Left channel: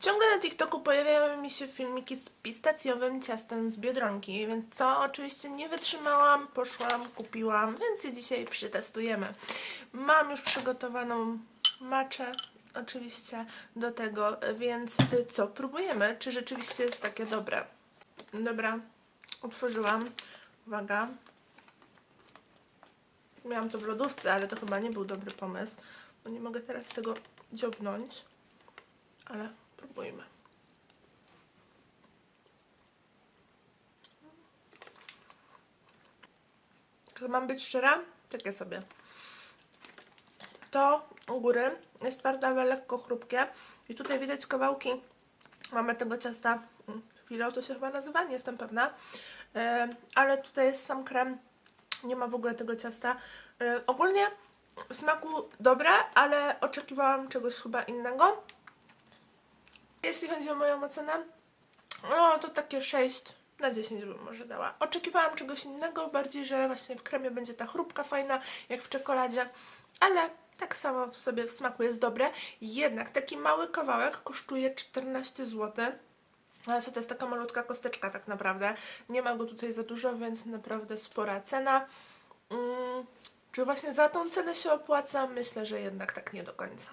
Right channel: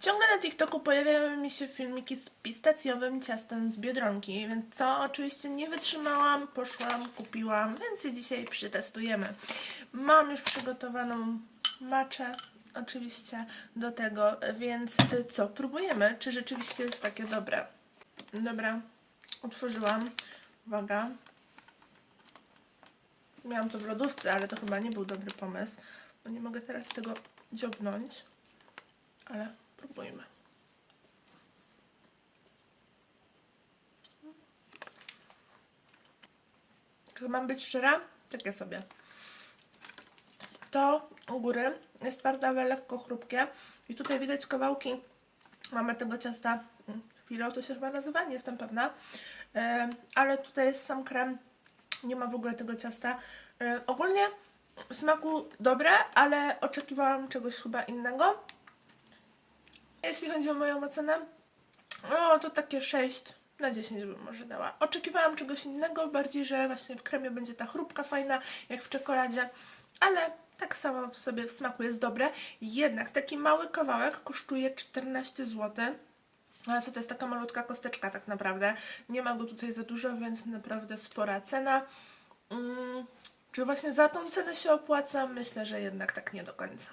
Ciągle na TikToku pojawiają mi się filmiki z pistacjowym ciastem z Biedronki, więc co? Oczywiście nie wytrzymałam, poszłam, kupiłam, więc je dzisiaj przetestujemy. Mam już przygotowaną maczę, oczywiście do tego, więc co? Próbujemy, czy rzeczywiście jest takie dobre. Dobra, otworzyłam. Uwaga. Miałam to w lodówce, ale to chyba nie był dobry pomysł, bo nie mogę teraz tego dziobnąć ale Mam być szczera? Takie sobie. To u góry jest twarde, ale lekko chrupkie. I tutaj widać kawałki. Mamy tego ciasta mm, filo, to się chyba nazywa, nie jestem pewna. Ale tutaj jest sam krem. Nie ma w ogóle tego ciasta. Ogólnie w smaku dobre, ale oczekiwałam czegoś chyba innego. Jeśli chodzi o moją ocenę, no to takie 6 na 10 bym może dała. Oczekiwałam czegoś innego, bardziej, że właśnie w kremie będzie ta chrupka fajna, jak w czekoladzie, ale tak samo w sobie w smaku jest dobre. Jednak taki mały kawałek kosztuje 14 zł. Ale co to jest taka malutka kosteczka tak naprawdę. Nie ma go tutaj za dużo, więc naprawdę spora cena. Mm, czy właśnie za tą cenę się opłaca? Myślę, że jednak tak nie do końca.